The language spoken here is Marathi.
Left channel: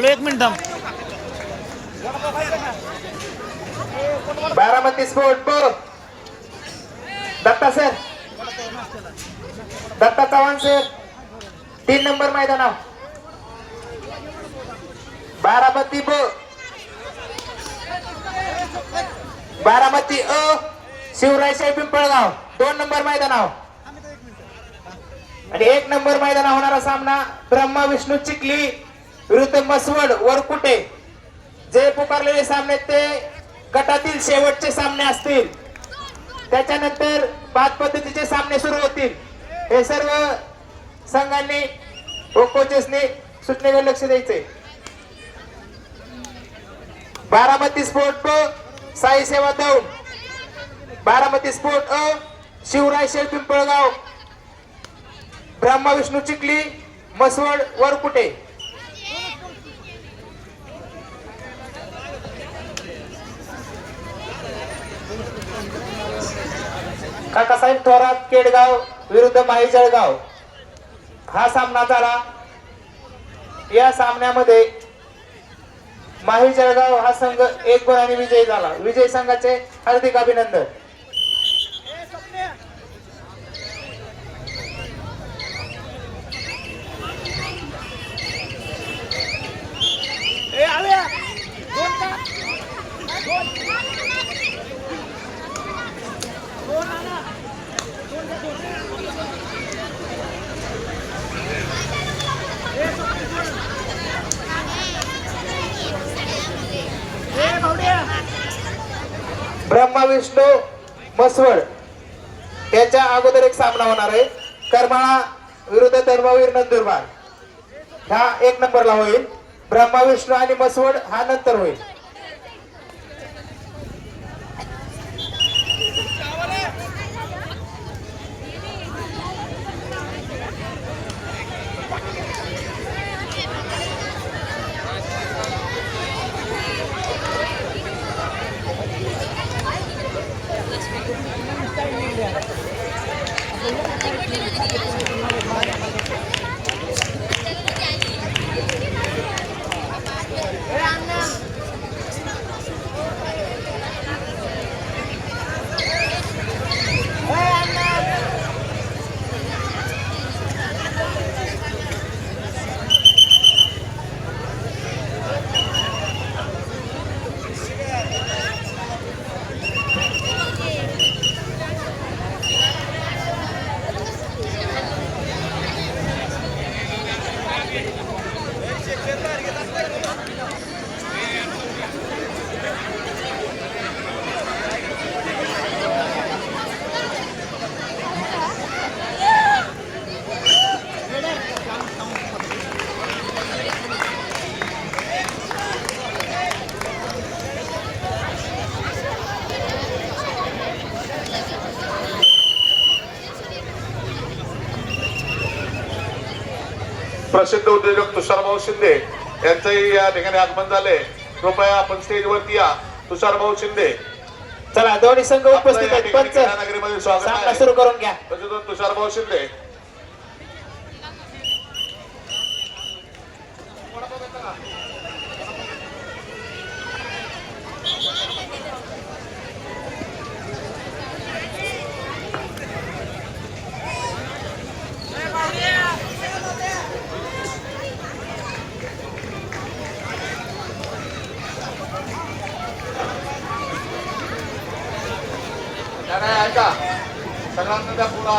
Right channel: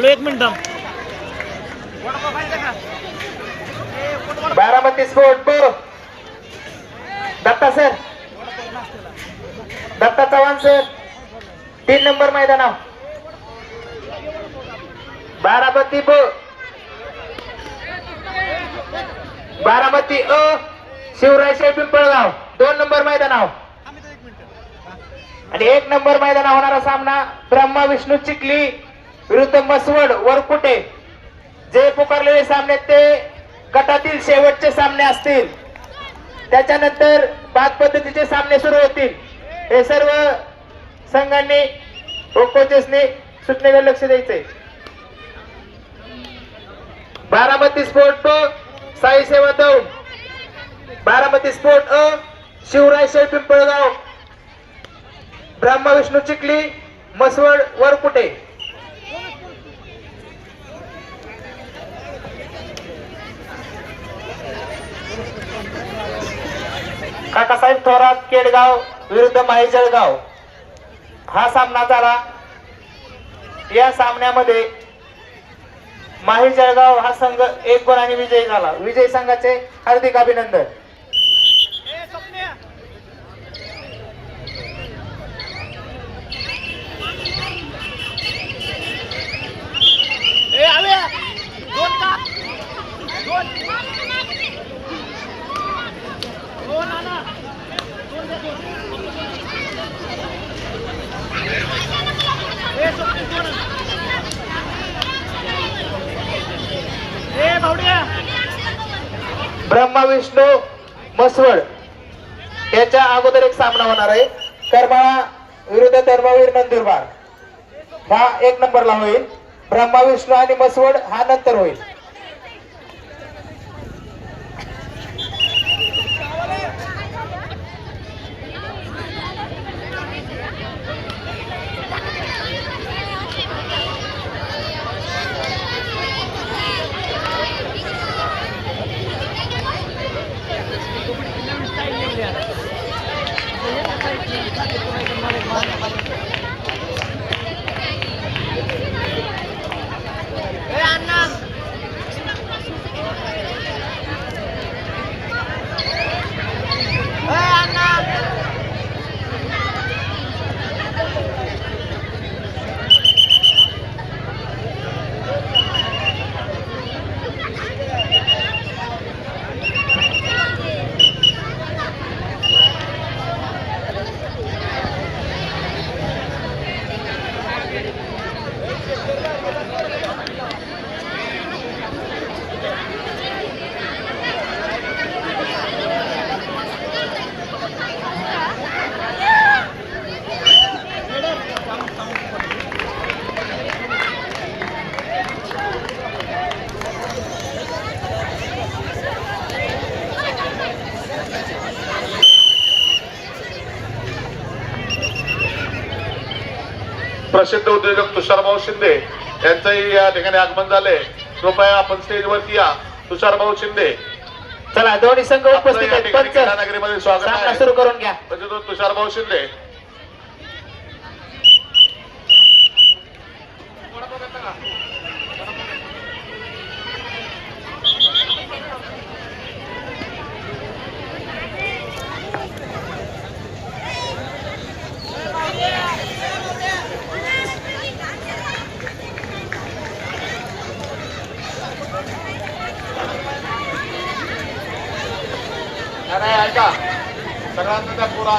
आलो 1 minute. Baramati sport Datta sir, Datta Chavan sir, 3 number मैदानावर. बारामती बारामती शिवराय शेठ पिंपळगाव 2 नंबर मैदानावर. आणि 1 नंबर मैदानावर होणारा सामना ब्रह्मा विष्णू चिखली विरुद्ध मसवड वरकुटे. जे पुकारलेले सामने ते गटातील शेवटचे सामने असतील. त्याच्यानंतर बाद पद्धतीचे सामने सुरू होतील. हे सर्व संघांनी व कोचेसने सूचनेकडे लक्ष द्यायचे. बारामती स्पोर्ट साई सेवा दौंड, बारामती स्पोर्ट शिवराय शेठ पिंपळगाव, ब्रह्मा विष्णू चिखली मसवड वरकुटे. काकासाहेब थोरात केडगाव विरुद्ध माई जळगाव हा सामना झाला. या सामन्यामध्ये माही जळगाव हा संघ 1 गुणाने विजयी झाला. विजयी संघाचे हार्दिक अभिनंदन. ब्रह्मा विष्णू मसवड त्याच्या अगोदर एक सामना होणार आहे. करमाळा विरुद्ध धर्मवीर नंदुरबार हा 1 नंबरला होईल. ब्रह्मा विष्णू आणि मसवड हा नंतर होईल. प्रसिद्ध उद्योजक तुषारभाऊ शिंदे यांचंही या ठिकाणी आगमन झाले. कृपया आपण स्टेजवरती या. तुषारभाऊ शिंदे, चला दोन्ही संघ उपस्थित आहेत. पंच नगरीमध्ये स्वागत आहे. सुरू करून घ्या. तुषारभाऊ शिंदे. ऐका सगळ्यांना त्या पुढे